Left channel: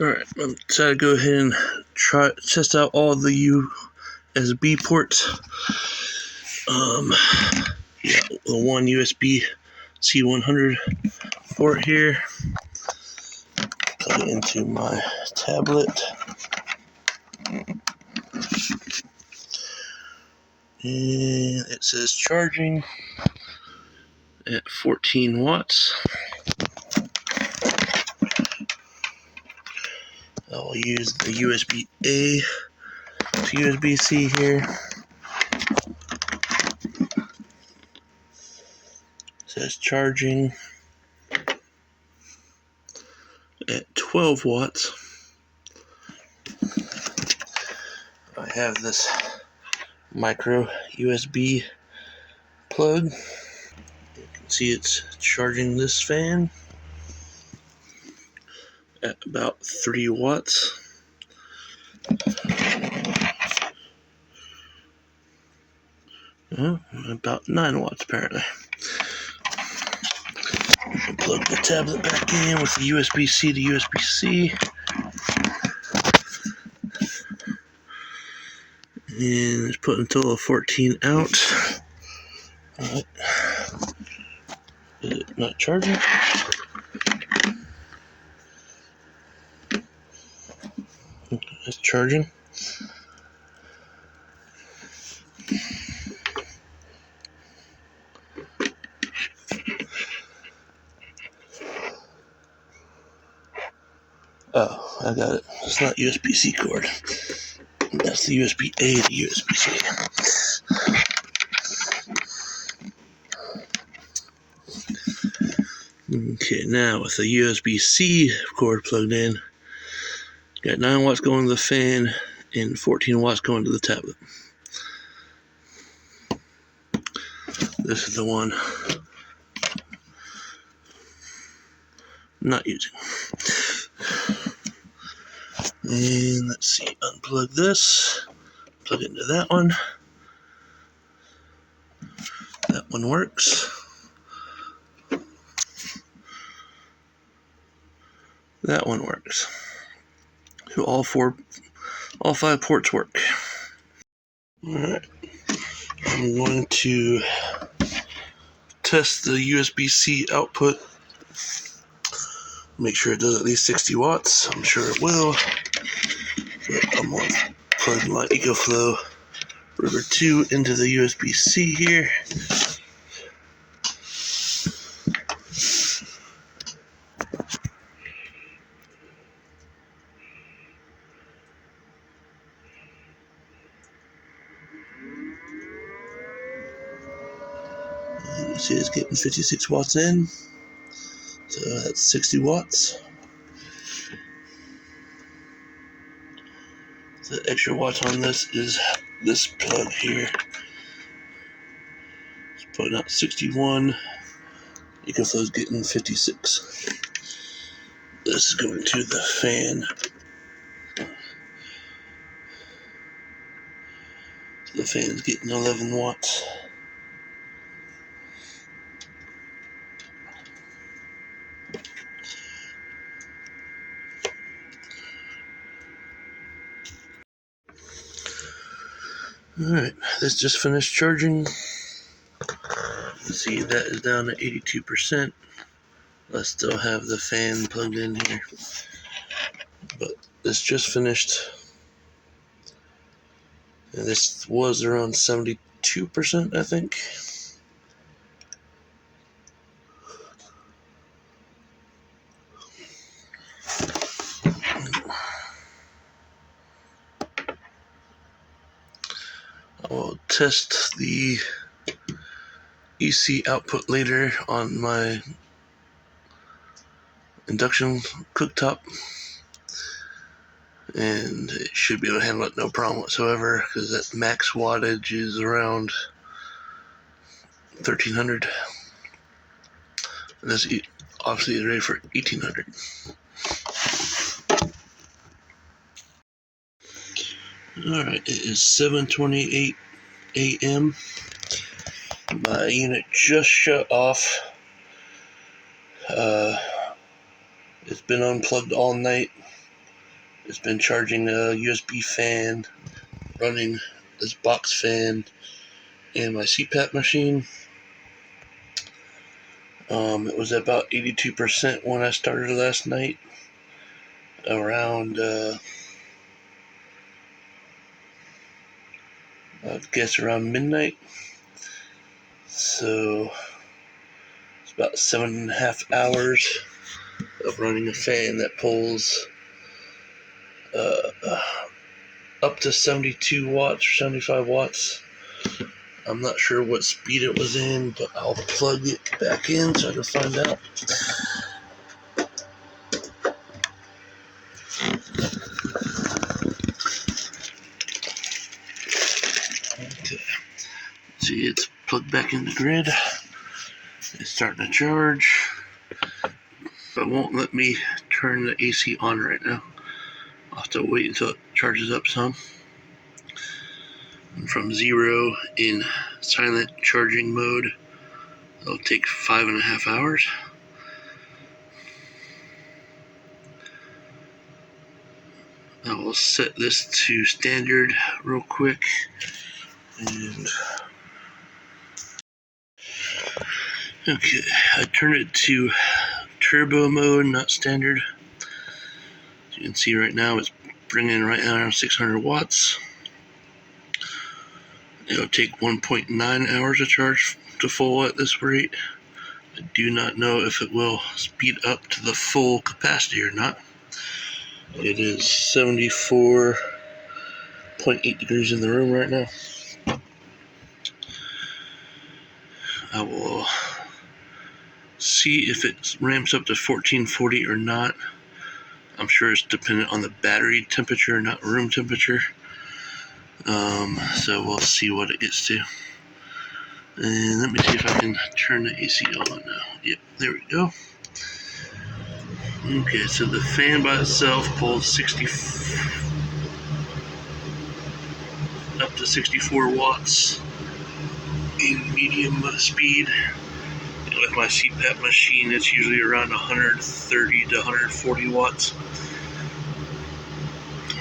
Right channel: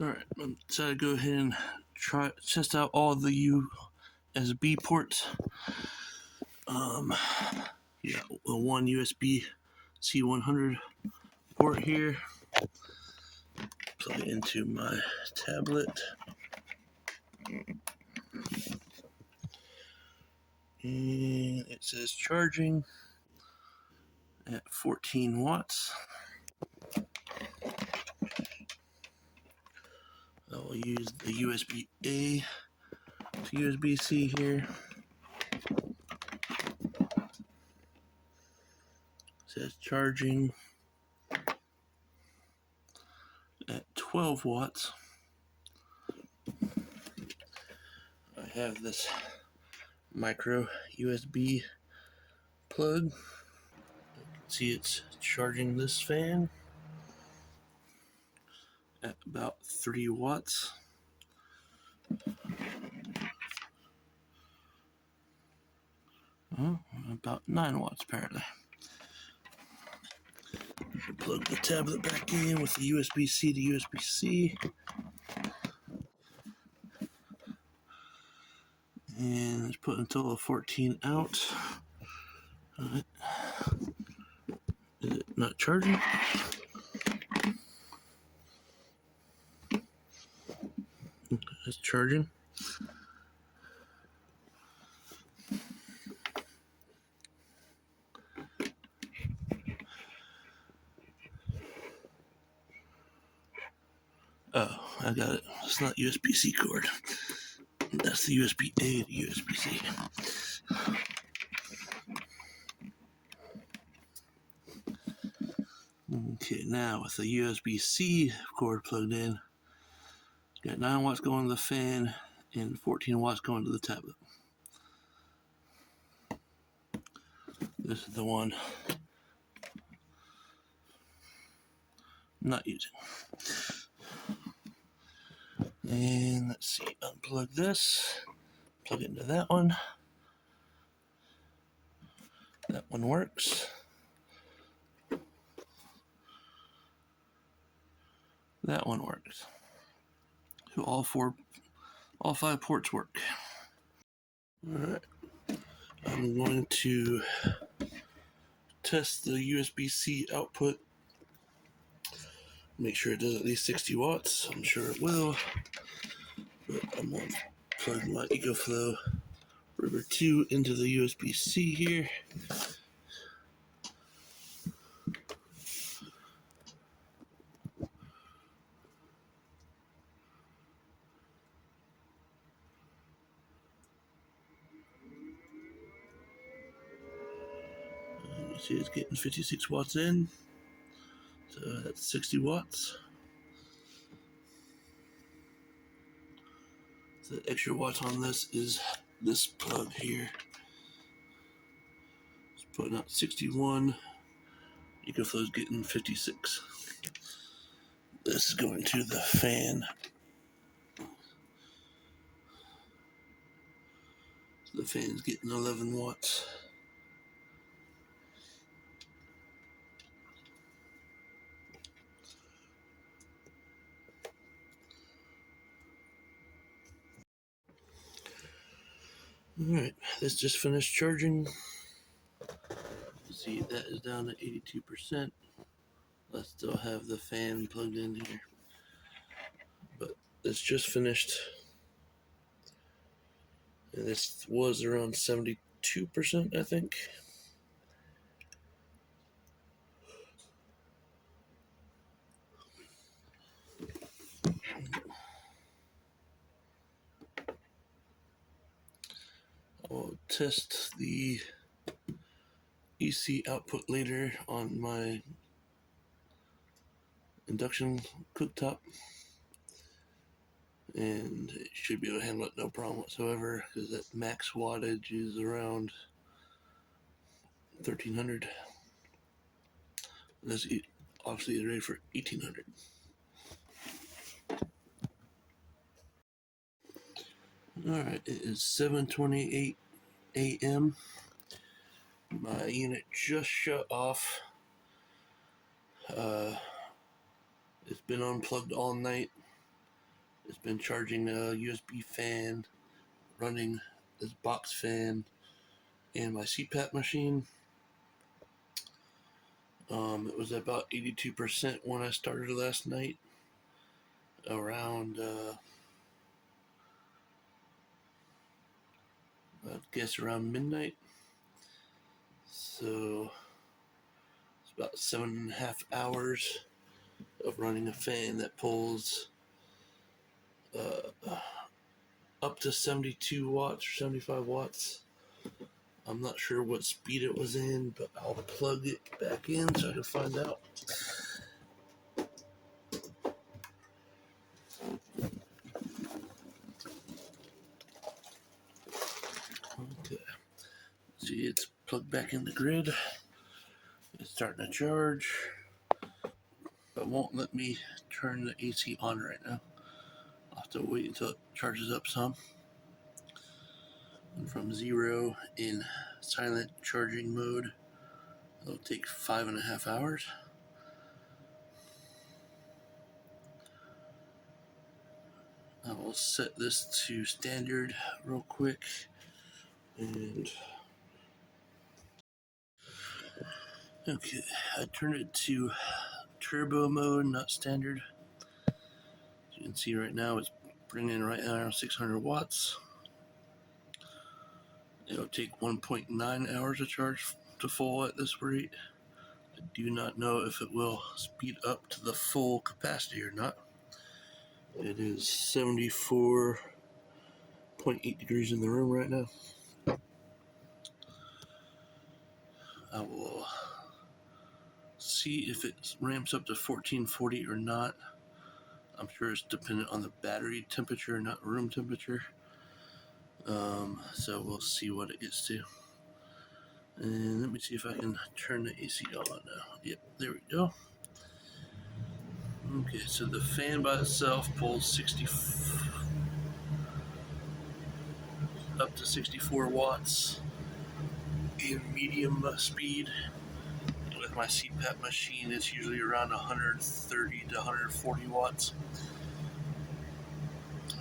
Alright, I'm trying to go ahead and test out all the USB ports. Yeah, the one USB C100 port here. Plug it into my tablet. And it says charging at 14 watts. I'll use the USB-A to USB-C here. It says charging at 12 watts. I have this micro USB plug. You can see it's charging this fan at about 3 watts. About 9 watts apparently. I'll plug the tablet back in with the USB-C to USB-C. And it's put until a 14 out. Alright. Is it not charging? It's charging. Oh, I got it. It's not USB-C cord. That's the USB-A to USB-C. Okay, now with the USB-C cord plugged in, got 9 watts going to the fan and 14 watts going to the tablet. This is the one I'm not using. And let's see, unplug this, plug it into that one. That one works. That one works. So all 5 ports work. Alright. I'm going to test the USB-C output. Make sure it does at least 60 watts. I'm sure it will. But I'm going to plug my EcoFlow River 2 into the USB-C here. You see it's getting 56 watts in. So that's 60 watts. The extra watts on this is this plug here. It's putting out 61. EcoFlow's getting 56. This is going to the fan. So the fan's getting 11 watts. Alright, this just finished charging. See, that is down to 82%. I still have the fan plugged in here. But this just finished. And this was around 72%, I think. I will test the EC output later on my induction cooktop, and it should be able to handle it no problem whatsoever, because that max wattage is around 1300, and this obviously is ready for 1800. Alright, it is 7:28 a.m. My unit just shut off. It's been unplugged all night. It's been charging a USB fan, running this box fan, and my CPAP machine. It was about 82% when I started last night, around, I'd guess around midnight. So it's about 7.5 hours of running a fan that pulls up to 72 watts or 75 watts. I'm not sure what speed it was in, but I'll plug it back in so I can find out. Okay. See, it's plugged back in the grid. It's starting to charge, but it won't let me turn the AC on right now. I'll have to wait until it charges up some. And from 0 in silent charging mode, it'll take 5.5 hours. I will set this to standard real quick. And okay, I turned it to turbo mode, not standard. As you can see right now, it's bringing right now around 600 watts. It'll take 1.9 hours to charge to full at this rate. I do not know if it will speed up to the full capacity or not. It is 74.8 degrees in the room right now. I will see if it ramps up to 1440 or not. I'm sure it's dependent on the battery temperature, not room temperature. So we'll see what it gets to. And let me see if I can turn the AC on now. Yep, there we go. Okay, so the fan by itself pulls up to 64 watts in medium speed. And with my CPAP machine, it's usually around 130 to 140 watts.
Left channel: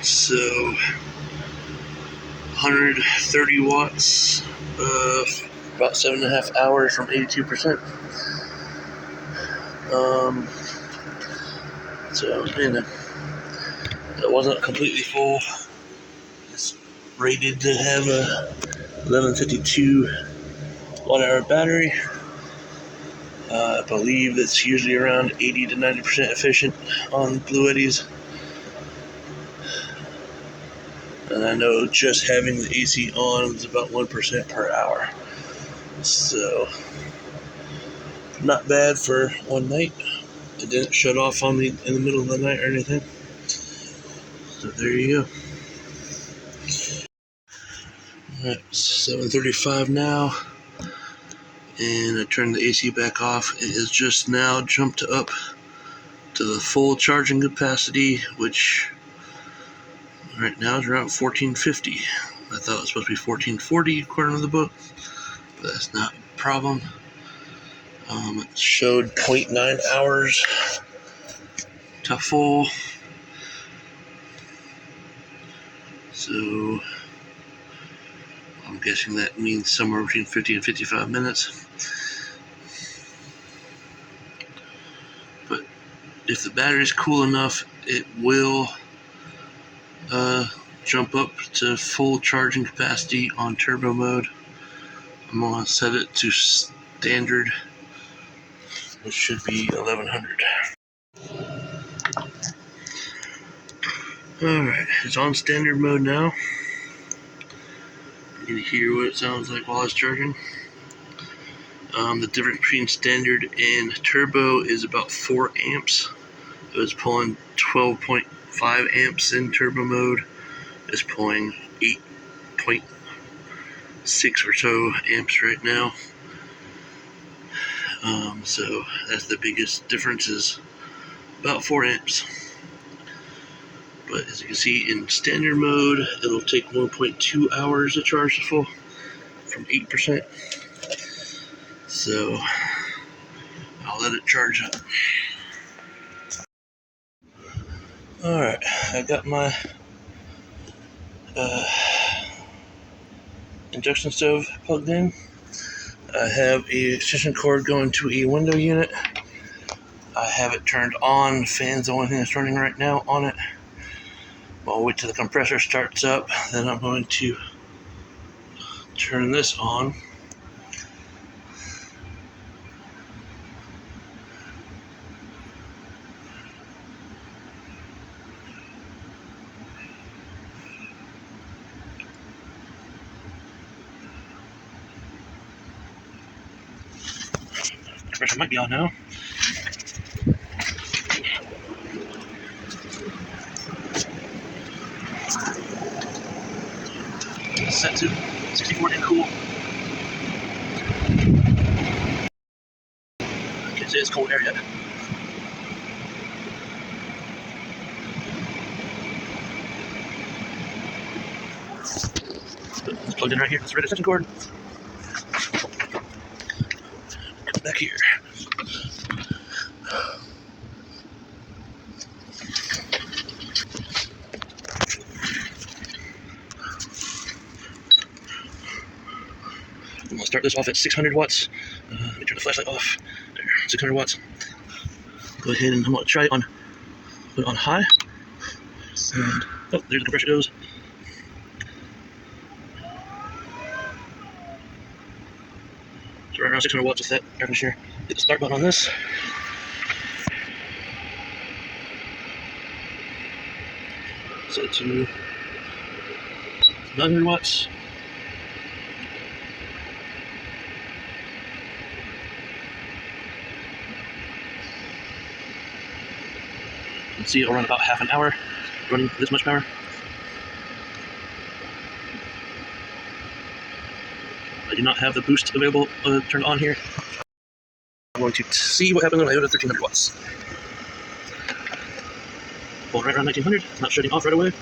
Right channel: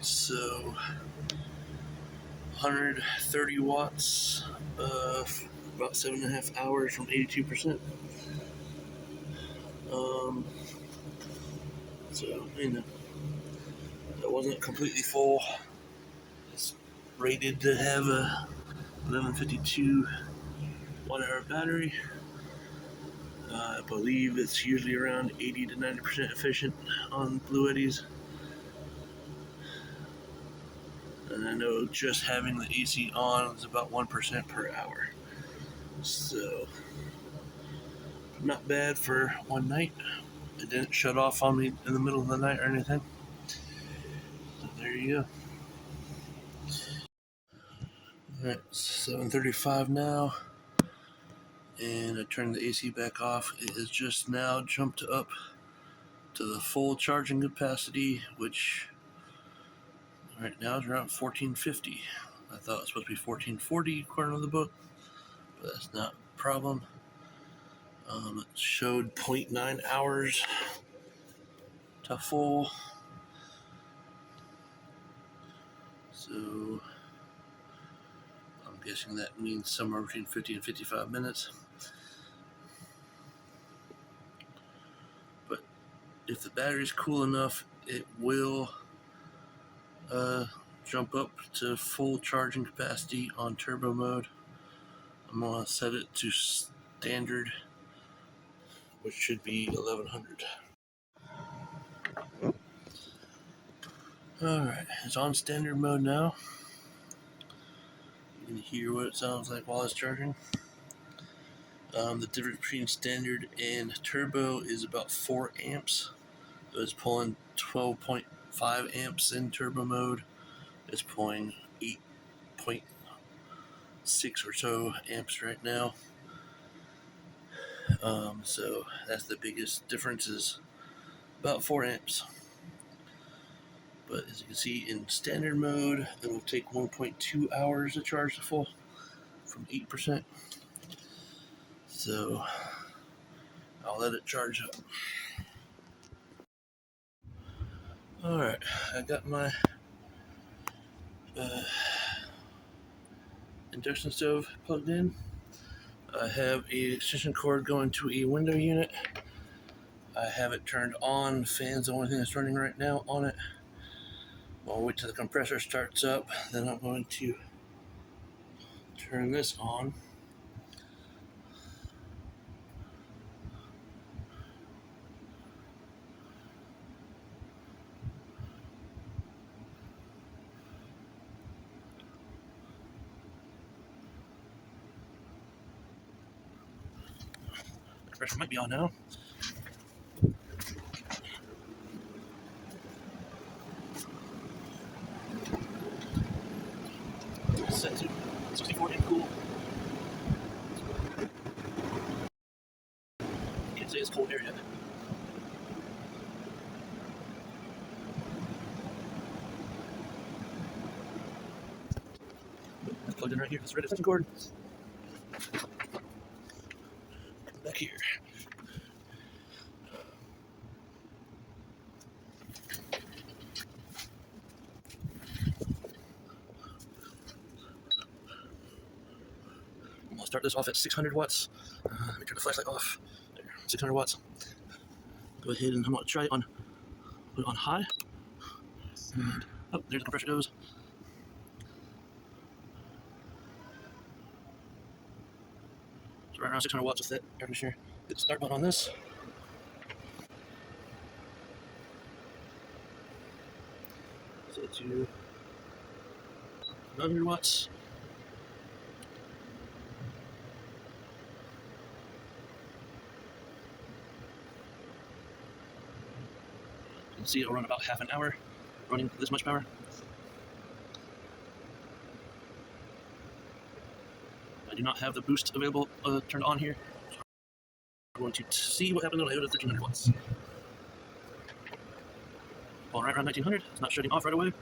So 130 watts, about 7.5 hours from 82%. So, it wasn't completely full. It's rated to have a 1152 watt-hour battery. I believe it's usually around 80 to 90% efficient on Bluettis. And I know just having the AC on is about 1% per hour. So, not bad for one night. It didn't shut off on me in the middle of the night or anything. So there you go. Alright, 7:35 now. And I turned the AC back off. It has just now jumped up to the full charging capacity, which right now is around 1450. I thought it was supposed to be 1440 according to the book, but that's not a problem. It showed 0.9 hours to full. So I'm guessing that means somewhere between 50 and 55 minutes. But if the battery's cool enough, it will jump up to full charging capacity on turbo mode. I'm going to set it to standard, which should be 1100. Alright, it's on standard mode now. You can hear what it sounds like while it's charging. The difference between standard and turbo is about 4 amps. It was pulling 12.5 amps in turbo mode. It's pulling 8.6 or so amps right now. So that's the biggest difference, is about 4 amps. But as you can see, in standard mode, it'll take 1.2 hours to charge the full from 8%. So I'll let it charge up. Alright, I got my induction stove plugged in. I have a extension cord going to a window unit. I have it turned on. Fan's the only thing that's running right now on it. I'll wait till the compressor starts up, then I'm going to turn this on. Compressor might be on now. Set to 64 and cool. I can't say it's cold air yet. It's plugged in right here. It's the red extension cord. Come back here. I'm going to start this off at 600 watts. Let me turn the flashlight off. There, 600 watts. Go ahead and I'm going to try it on, put it on high. And, oh, there the compressor goes. So right around 600 watts with that air conditioner. Hit the start button on this. Set it to 900 watts. You can see it'll run about half an hour running this much power. I do not have the boost available turned on here. I'm going to see what happens when I go to 1300 watts. Pulling right around 1900, it's not shutting off right away.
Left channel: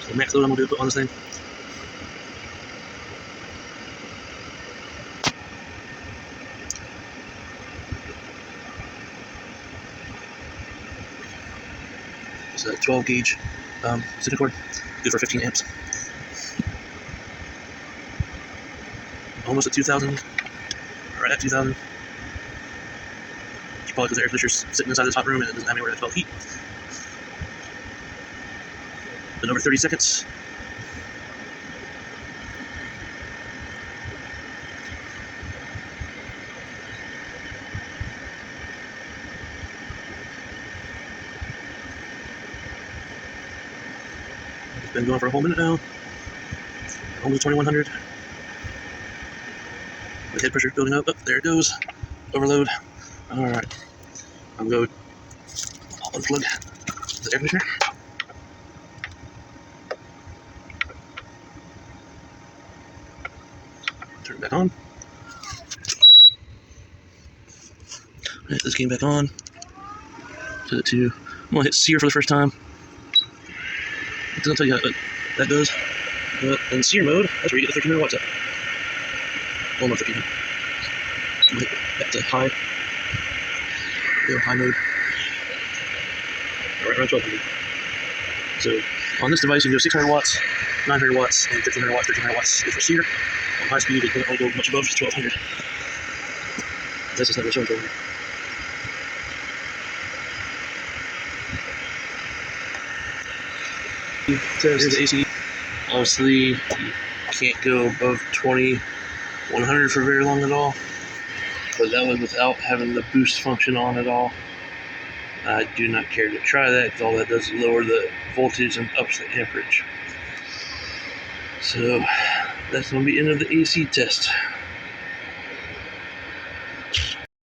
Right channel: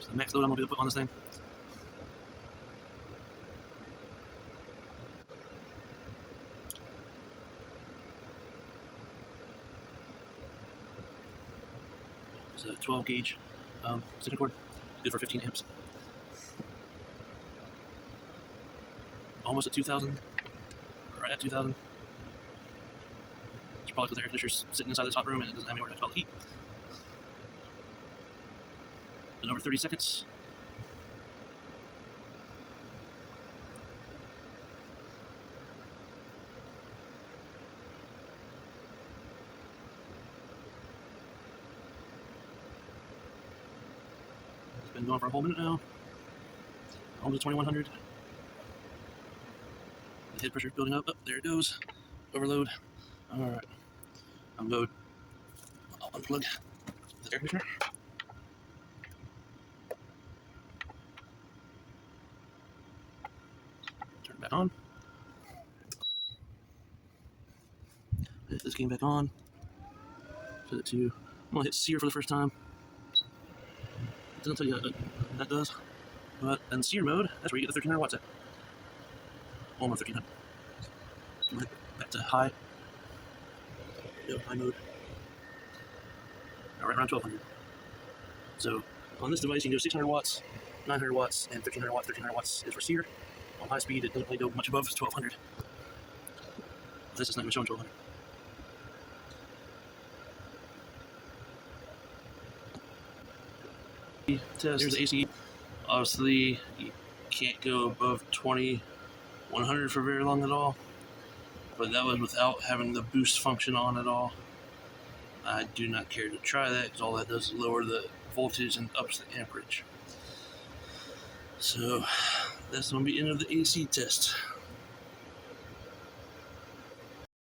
So the max load I'm going to put on this thing. It's a 12 gauge extension cord, good for 15 amps. Almost at 2000, right at 2000. It's probably because the air conditioner's sitting inside this hot room and it doesn't have anywhere to expel heat. Been over 30 seconds. It's been going for a whole minute now. Almost 2100. The head pressure building up. Oh, there it goes. Overload. Alright. I'll unplug the air conditioner. Turn it back on. Alright, this came back on. Set it to, I'm going to hit sear for the first time. It doesn't tell you how that goes. But in sear mode, that's where you get the 1300 watts at. Well, not 1300. I'm going to hit back to high. Go high mode. Right around 1200. So on this device, you can go 600 watts, 900 watts, and 1300 watts. 1300 watts is for sear. On high speed, it can only go much above 1200. That's just not really showing 1200. Here's the AC. Obviously, you can't go above 2100 for very long at all. But that was without having the boost function on at all. I do not care to try that because all that does is lower the voltage and ups the amperage. So that's going to be the end of the AC test.